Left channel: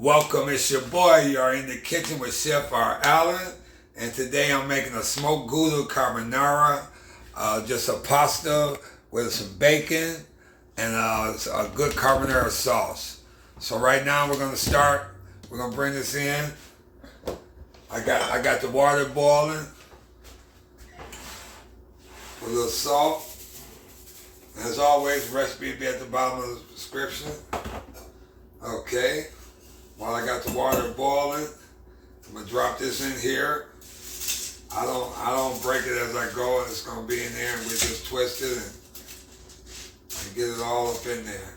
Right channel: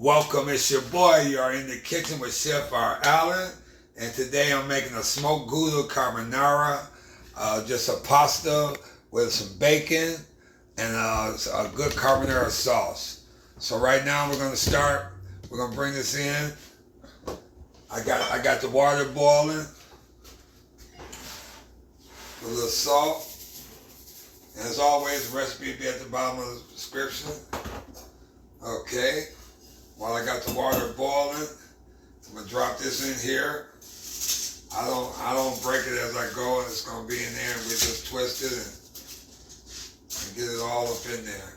Welcome, it's your boy. You are in the kitchen with Chef R. Allen, and today I'm making a smoked Gouda carbonara, just a pasta with some bacon and a good carbonara sauce. So right now we're gonna start. We're gonna bring this in. I got the water boiling. Put a little salt. And as always, the recipe will be at the bottom of the description. Okay. While I got the water boiling, I'm gonna drop this in here. I don't break it as I go. It's gonna be in there, and we just twist it and get it all up in there.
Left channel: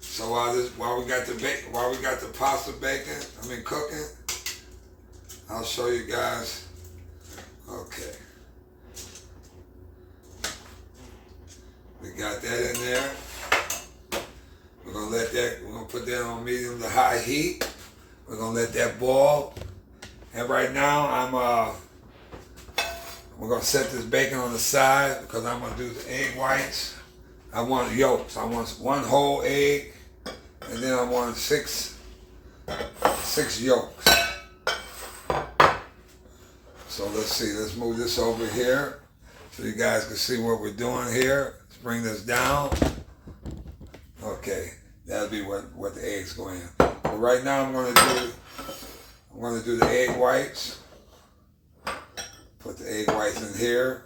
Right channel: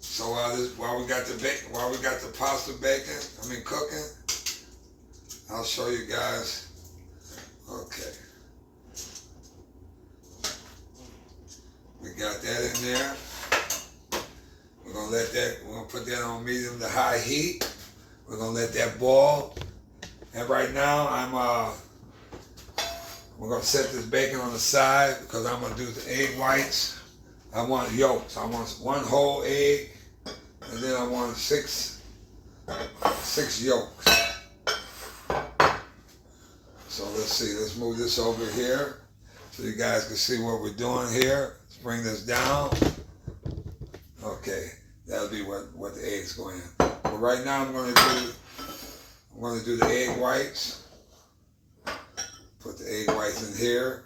So while we got the pasta cooking, I'll show you guys. Okay, we got that in there. We're gonna put that on medium to high heat. We're gonna let that boil. And right now we're gonna set this bacon on the side because I'm gonna do the egg whites. I want yolks. I want one whole egg, and then I want six yolks. So let's see, let's move this over here so you guys can see what we're doing here. Let's bring this down. Okay, that'll be what the eggs go in. But right now I'm gonna do the egg whites. Put the egg whites in here.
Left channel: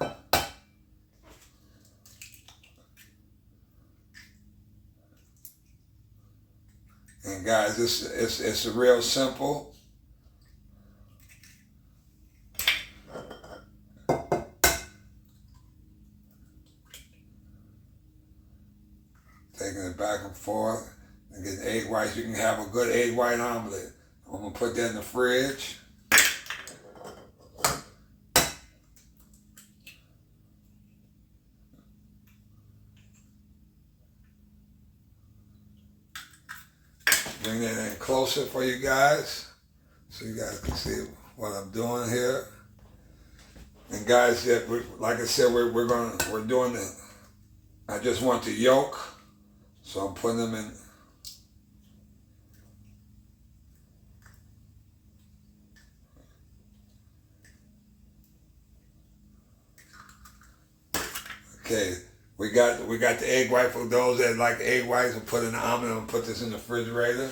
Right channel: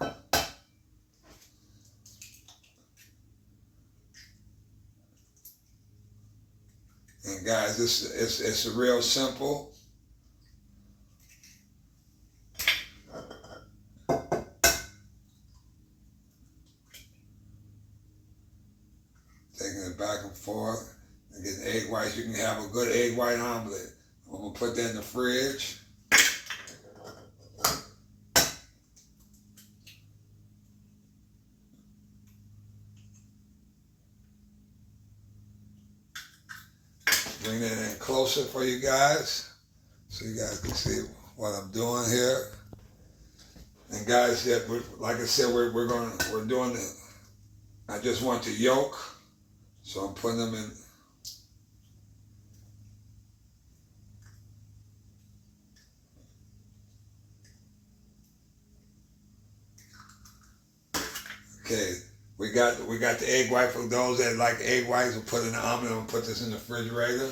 And guys, it's real simple. Taking it back and forth and getting egg whites. You can have a good egg white omelet. I'm gonna put that in the fridge. Bring that in closer for you guys so you guys can see what I'm doing here. And guys, like I said, we're doing the. I just want the yolk. So I'm putting them in. Okay, we got the egg white. For those that like egg whites, we'll put in the omelet and put this in the refrigerator.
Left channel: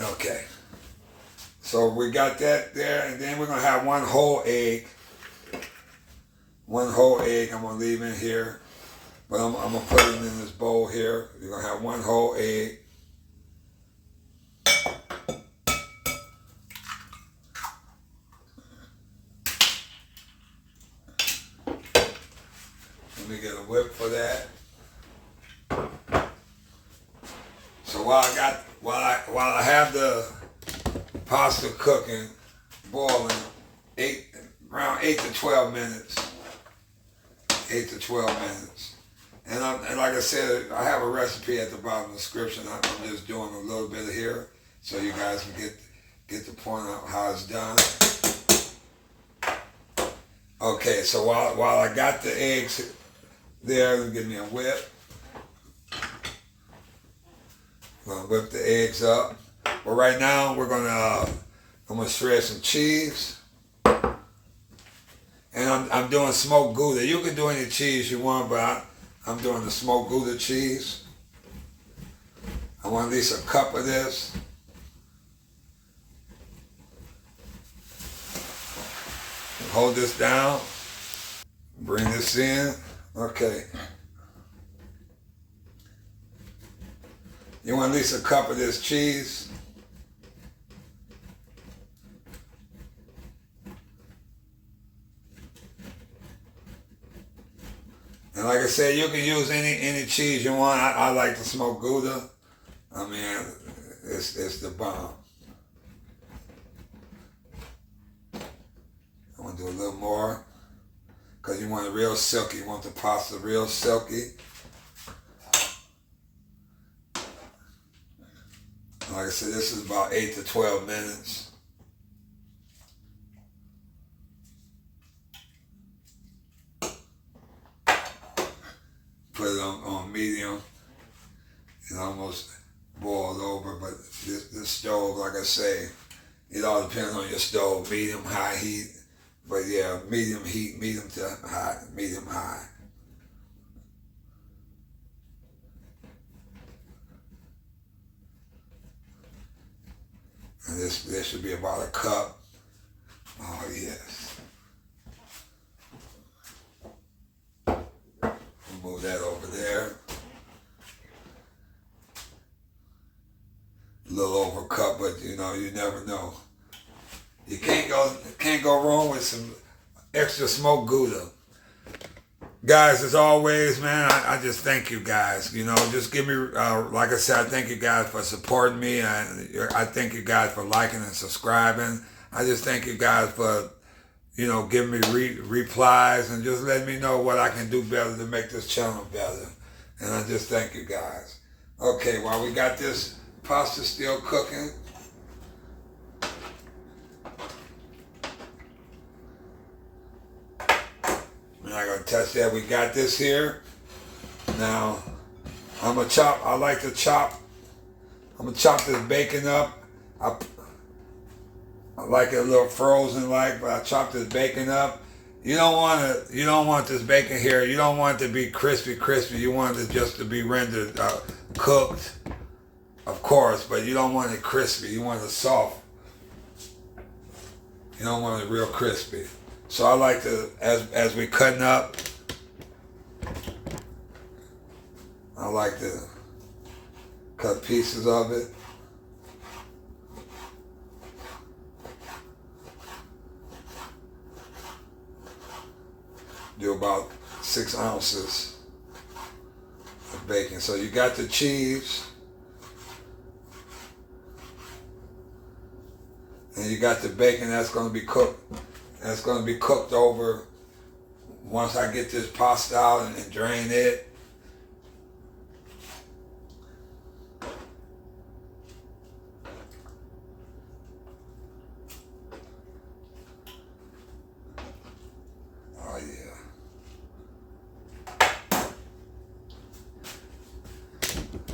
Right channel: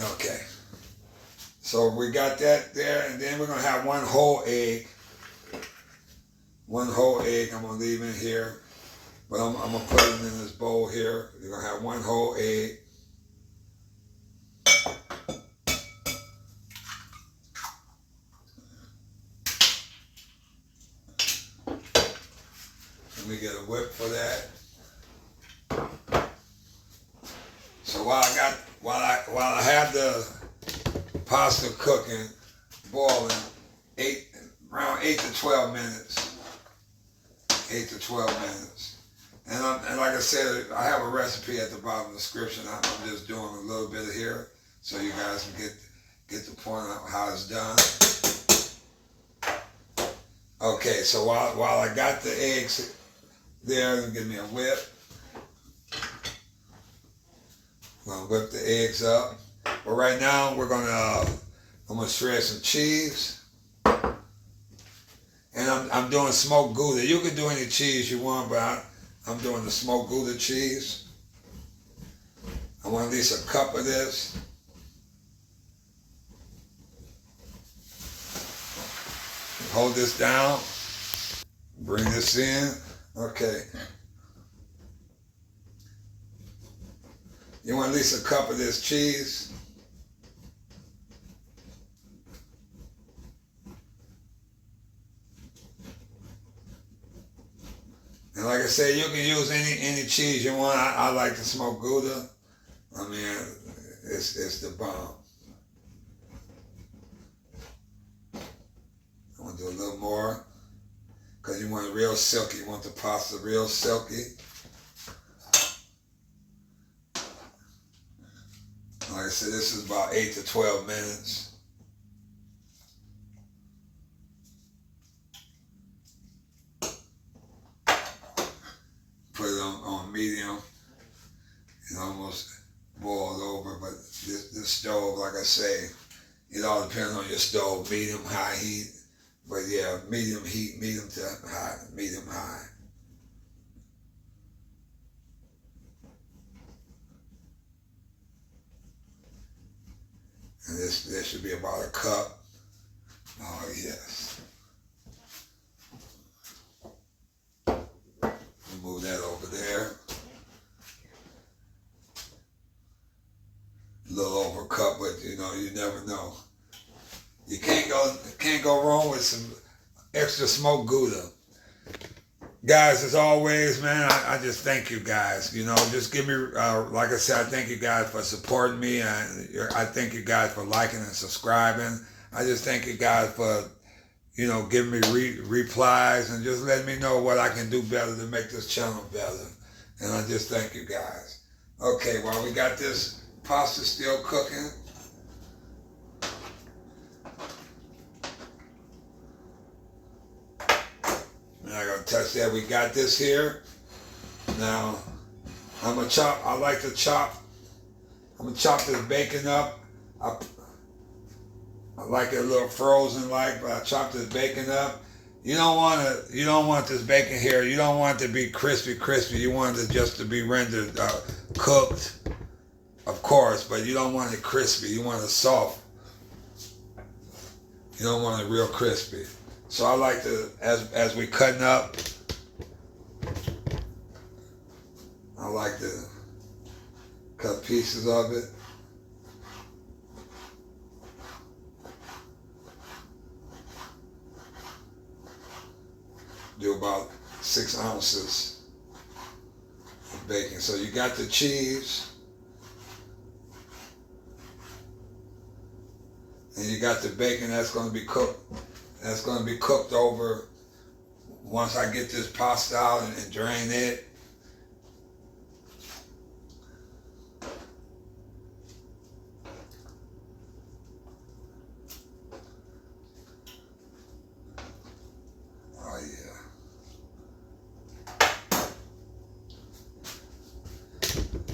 Okay. So we got that there, and then we're gonna have one whole egg. One whole egg I'm gonna leave in here, but I'm gonna put it in this bowl here. You're gonna have one whole egg. Let me get a whip for that. So while I have the pasta cooking, boiling, around 8 to 12 minutes. 8 to 12 minutes. And like I said, I have a recipe at the bottom of the description. I'm just doing a little bit of here so you guys can get the point of how it's done. Okay, so while I got the eggs there, give me a whip. I'm gonna whip the eggs up. But right now I'm gonna shred some cheese. And I'm doing smoked Gouda. You can do any cheese you want, but I'm doing the smoked Gouda cheese. I want at least a cup of this. Hold this down. Bring this in. Okay. You want at least a cup of this cheese. And like I said, you can use any cheese you want. I like the smoked Gouda. I mean, it's the bomb. I want to do a little more because you want it real silky. You want the pasta real silky. Like I said, this is about 8 to 12 minutes. put it on medium. It almost boiled over, but this stove, like I say, it all depends on your stove, medium, high heat. But yeah, medium heat, medium to high, medium high. And this should be about a cup. Oh yes. Move that over there. A little over a cup, but you know, you never know. You can't go wrong with some extra smoked Gouda. Guys, as always, man, I just thank you guys. You know, just give me, like I said, I thank you guys for supporting me. I thank you guys for liking and subscribing. I just thank you guys for, you know, giving me replies and just letting me know what I can do better to make this channel better. And I just thank you guys. Okay, while we got this pasta still cooking, we're not gonna touch that. We got this here. Now, I'm gonna chop this bacon up. I like it a little frozen like, but I chopped this bacon up. You don't want this bacon here, you don't want it to be crispy. You want it just to be rendered cooked, of course, but you don't want it crispy. You want it soft. You don't want it real crispy. So I like to, as we cutting up, I like to cut pieces of it. Do about 6 ounces of bacon. So you got the cheese, and you got the bacon that's going to be cooked. That's going to be cooked over once I get this pasta out and drain it. Oh yeah.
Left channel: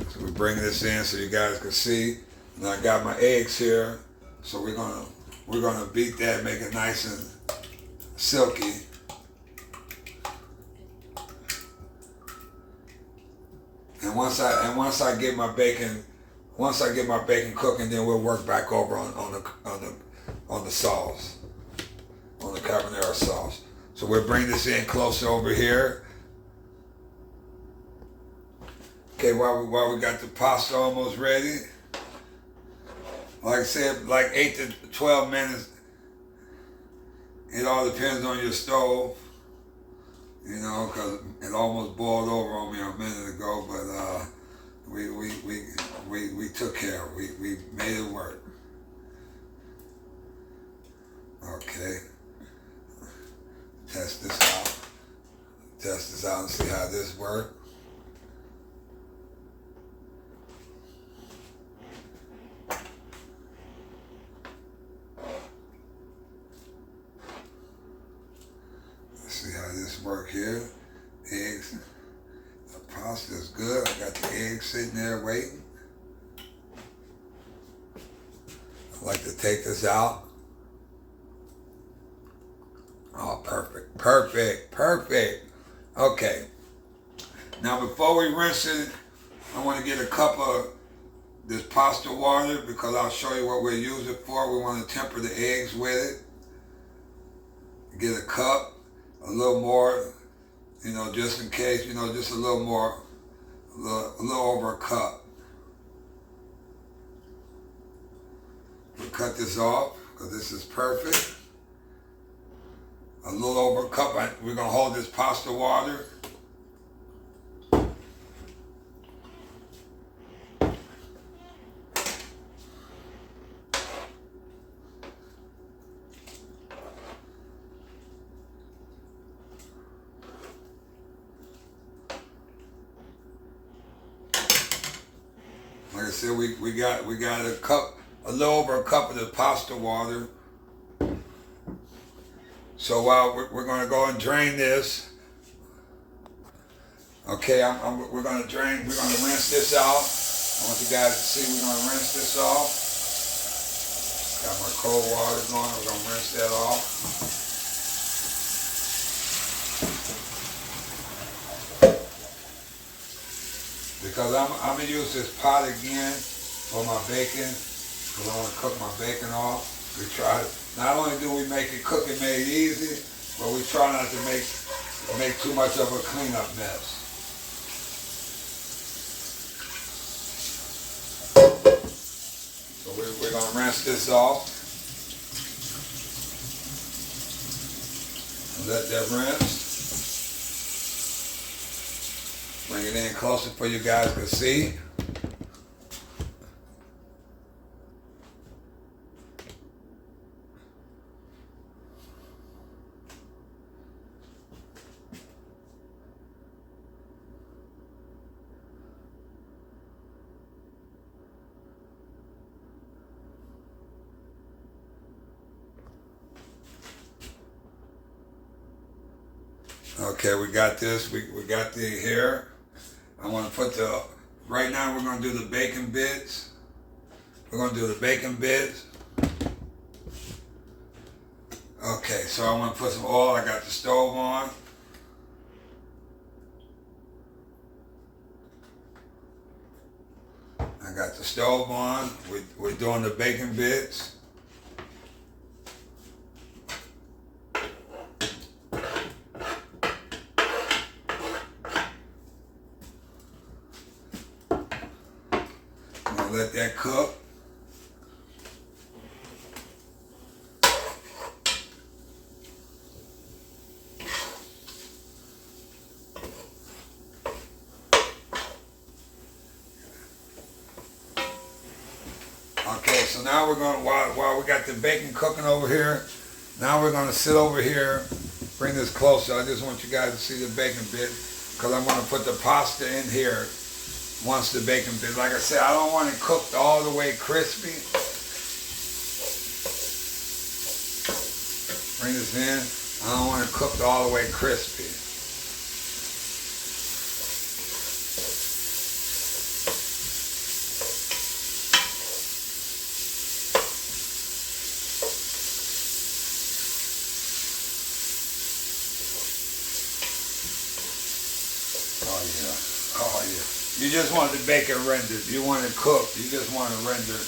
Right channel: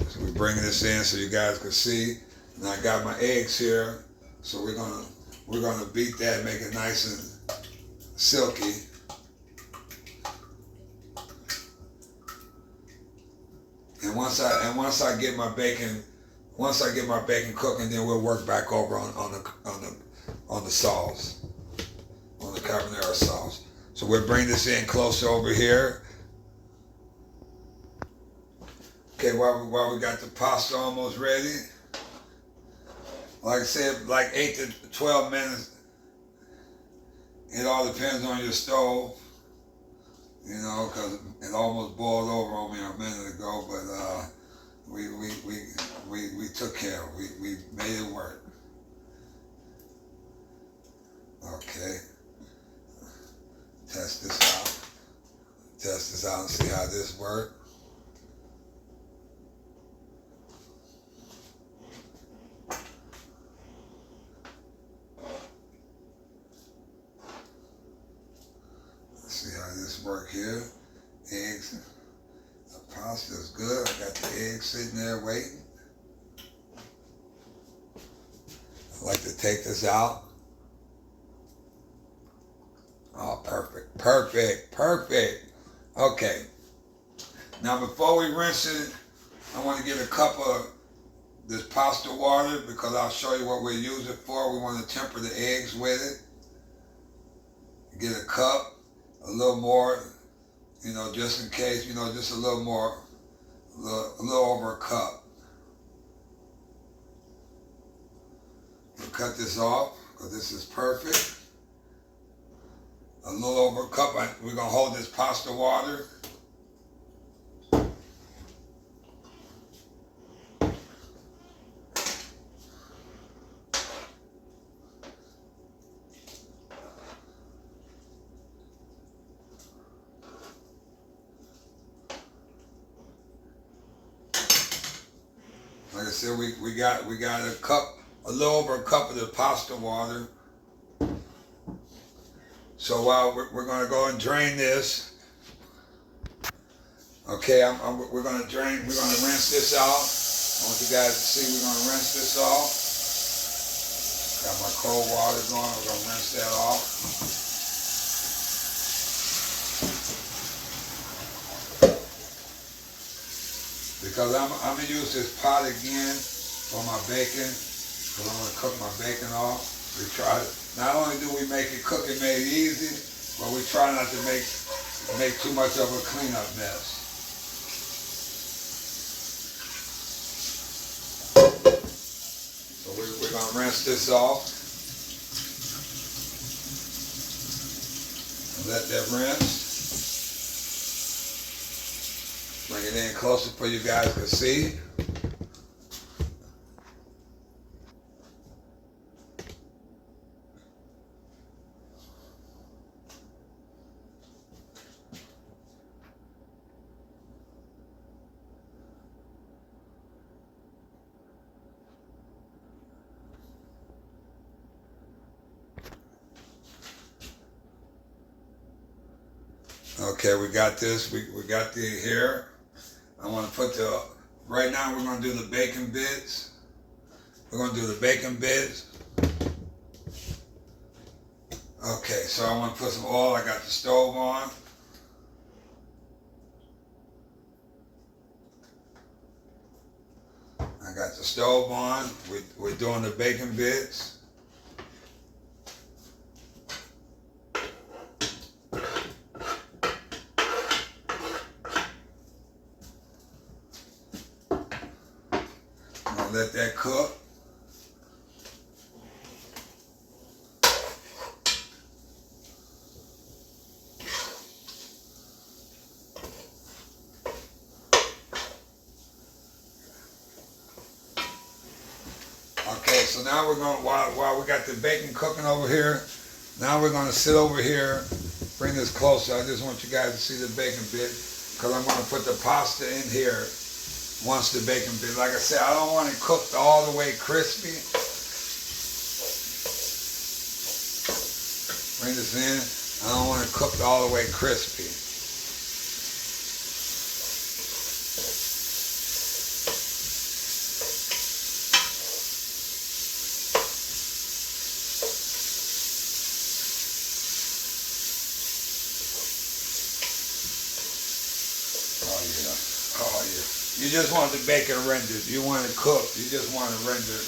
So we're bringing this in so you guys can see. And I got my eggs here, so we're gonna beat that, make it nice and silky. And once I get my bacon cooking, then we'll work back over on the sauce, on the carbonara sauce. So we'll bring this in closer over here. Okay, while we got the pasta almost ready, like I said, like 8 to 12 minutes. It all depends on your stove, you know, because it almost boiled over on me a minute ago, but we took care of it. We made it work. Okay. Test this out and see how this works. See how this work here. Eggs. The pasta is good. I got the eggs sitting there waiting. I like to take this out. Oh, perfect. Okay. Now before we rinse it, I want to get a cup of this pasta water because I'll show you what we'll use it for. We want to temper the eggs with it. Get a cup. A little more, you know, just in case, you know, just a little more, a little over a cup. We'll cut this off because this is perfect. A little over a cup. We're going to hold this pasta water. Like I said, we got a cup, a little over a cup of the pasta water. So while we're going to go and drain this, Okay, we're gonna rinse this out. I want you guys to see we're gonna rinse this off. Got my cold water going, we're gonna rinse that off. Because I'm gonna use this pot again for my bacon, because I want to cook my bacon off. We try to, not only do we make it cooking made easy, but we try not to make too much of a cleanup mess. So we're gonna rinse this off and let that rinse. Bring it in closer for you guys to see. Okay, we got this. We got the here. I want to put right now we're going to do the bacon bits. We're going to do the bacon bits. Okay, so I want to put some oil. I got the stove on. I got the stove on. We're doing the bacon bits. Let that cook. Okay, so now we're going to, while we got the bacon cooking over here, now we're going to sit over here, bring this closer. I just want you guys to see the bacon bit, because I'm going to put the pasta in here. Once the bacon bit, like I said, I don't want it cooked all the way crispy. Bring this in. I don't want it cooked all the way crispy. Oh yeah. Oh yeah. You just want the bacon rendered. You want it cooked. You just want it rendered.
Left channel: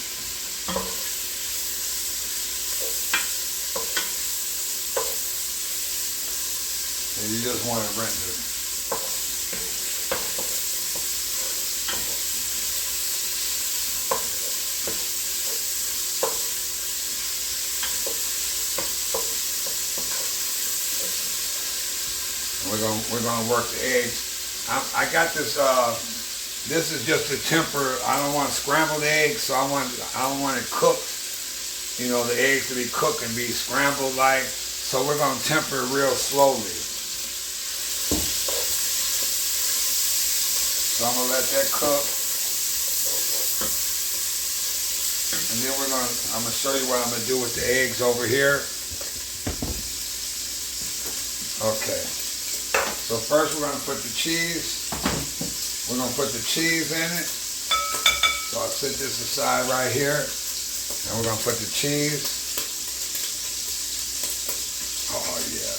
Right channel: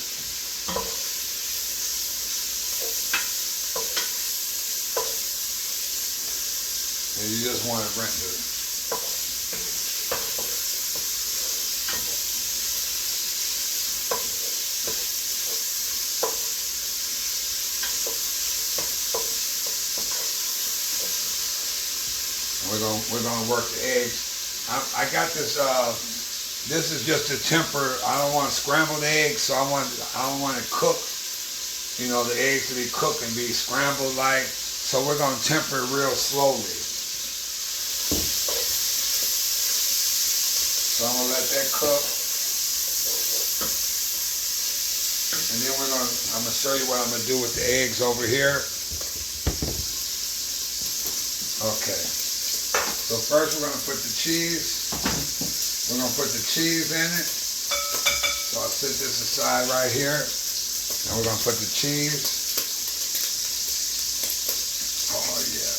And you just want it rendered. We're gonna work the eggs. I got this. This is just a temper. I don't want scrambled eggs, so I don't want it cooked. You know, the eggs to be cooked and be scrambled like. So we're gonna temper it real slowly. So I'm gonna let that cook, and then I'm gonna show you what I'm gonna do with the eggs over here. Okay. So first we're gonna put the cheese. We're going to put the cheese in it. So I'll set this aside right here. And we're going to put the cheese. Oh, yeah.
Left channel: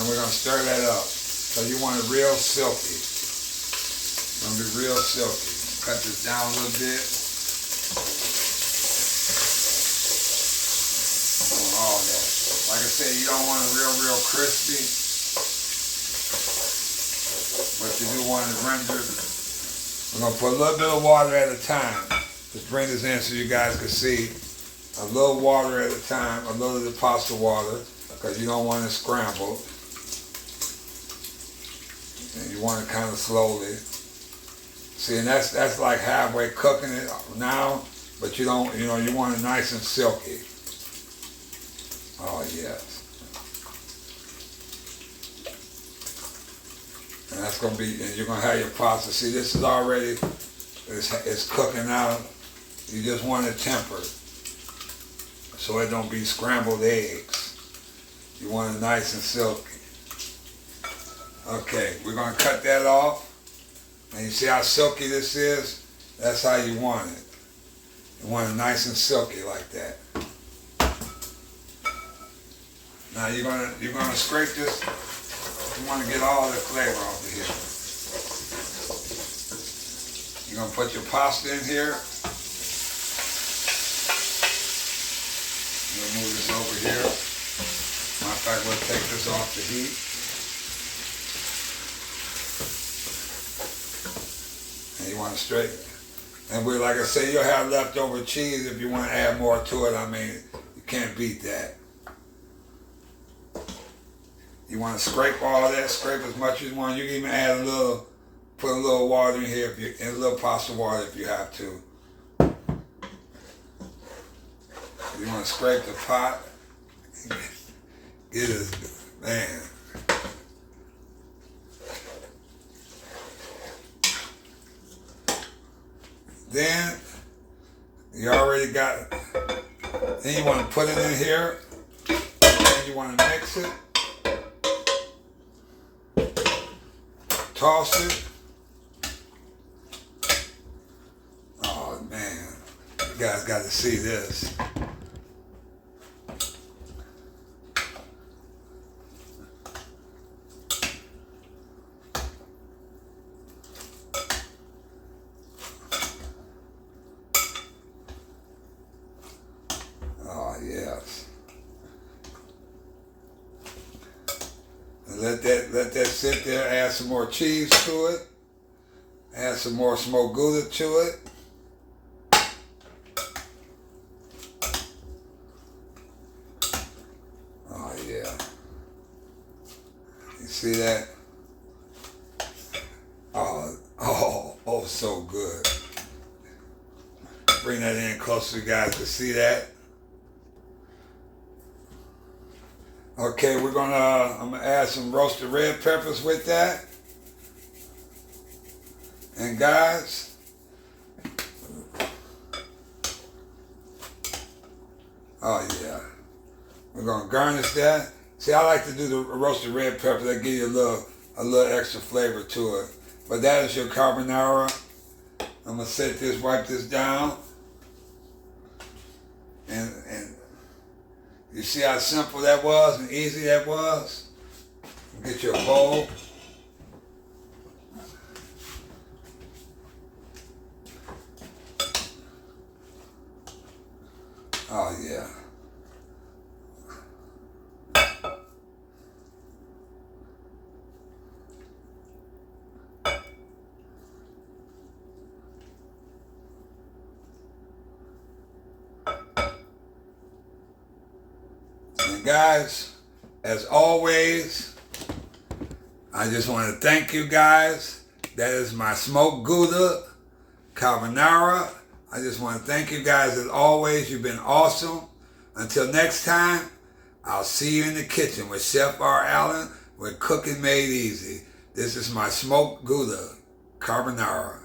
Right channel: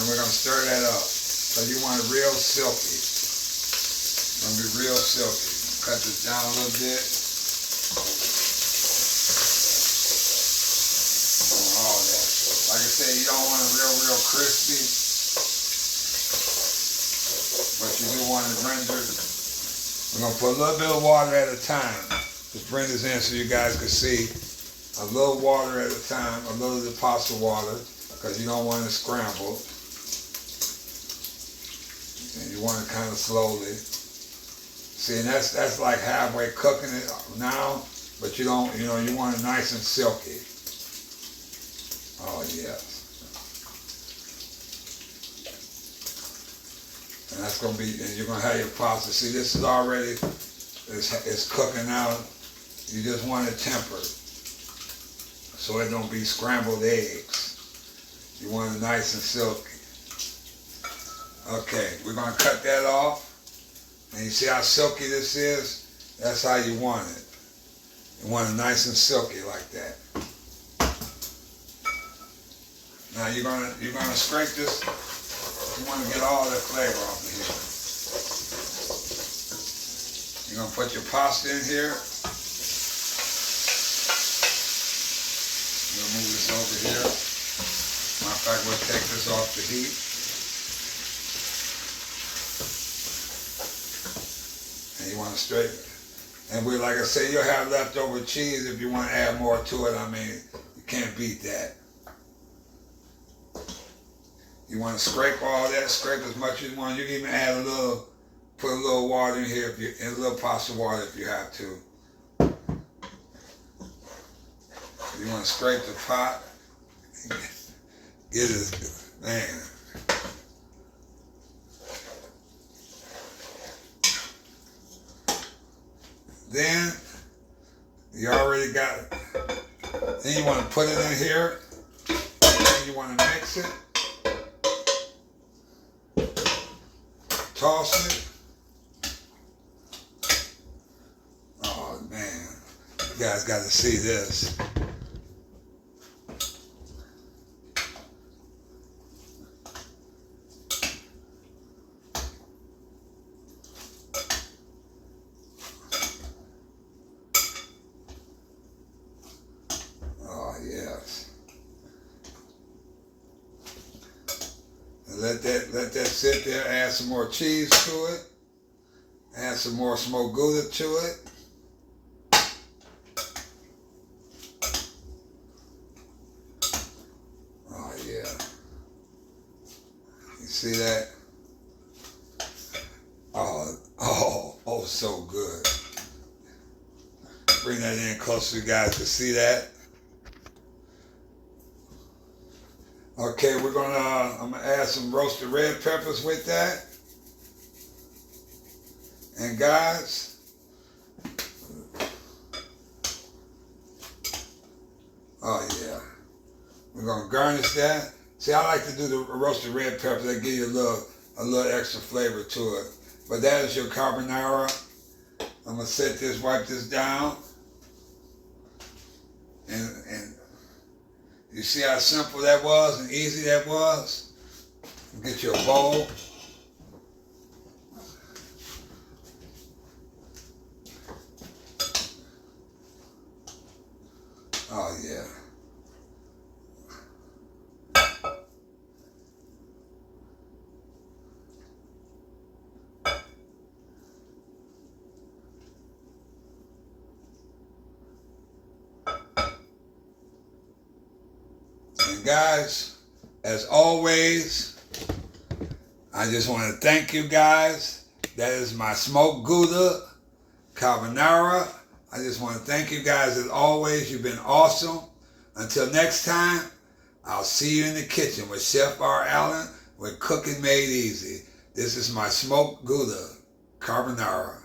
And we're going to stir that up. So you want it real silky. It's going to be real silky. Cut this down a little bit. All that. Like I said, you don't want it real crispy. But you do want it rendered. We're going to put a little bit of water at a time. Just bring this in so you guys can see. A little water at a time, a little of the pasta water, because you don't want it scrambled. And you want it kind of slowly. See, and that's like halfway cooking it now, but you don't, you want it nice and silky. Oh, yes. And that's going to be, and you're going to have your pasta. See, this is already, it's cooking out. You just want it tempered so it don't be scrambled eggs. You want it nice and silky. Okay, we're gonna cut that off. And you see how silky this is? That's how you want it. You want it nice and silky like that. Now you're gonna scrape this. You want to get all that flavor off of here. You're gonna put your pasta in here. We'll move this over here. Matter of fact, we'll take this off the heat. And you want to straighten it. And we, like I say, you'll have leftover cheese if you want to add more to it. I mean, you can't beat that. You want to scrape all that, scrape as much as you want. You can even add a little, put a little water in here, a little pasta water if you have to. You want to scrape the pot. Get it, man. Then, you already got it. Then you want to put it in here. Then you want to mix it. Toss it. Oh man, you guys got to see this. Oh yes. Let that sit there, add some more cheese to it, add some more smoked Gouda to it. Oh yeah. You see that? Oh, so good. Bring that in close so you guys to see that. Okay, I'm gonna add some roasted red peppers with that. And guys, oh yeah, we're gonna garnish that. See, I like to do the roasted red pepper. That give you a little extra flavor to it. But that is your carbonara. I'm gonna wipe this down, and you see how simple that was and easy that was? Get your bowl. Oh yeah. And guys, as always, I just want to thank you guys. That is my smoked Gouda carbonara. I just want to thank you guys as always. You've been awesome. Until next time, I'll see you in the kitchen with Chef R. Allen with Cooking Made Easy. This is my smoked Gouda carbonara.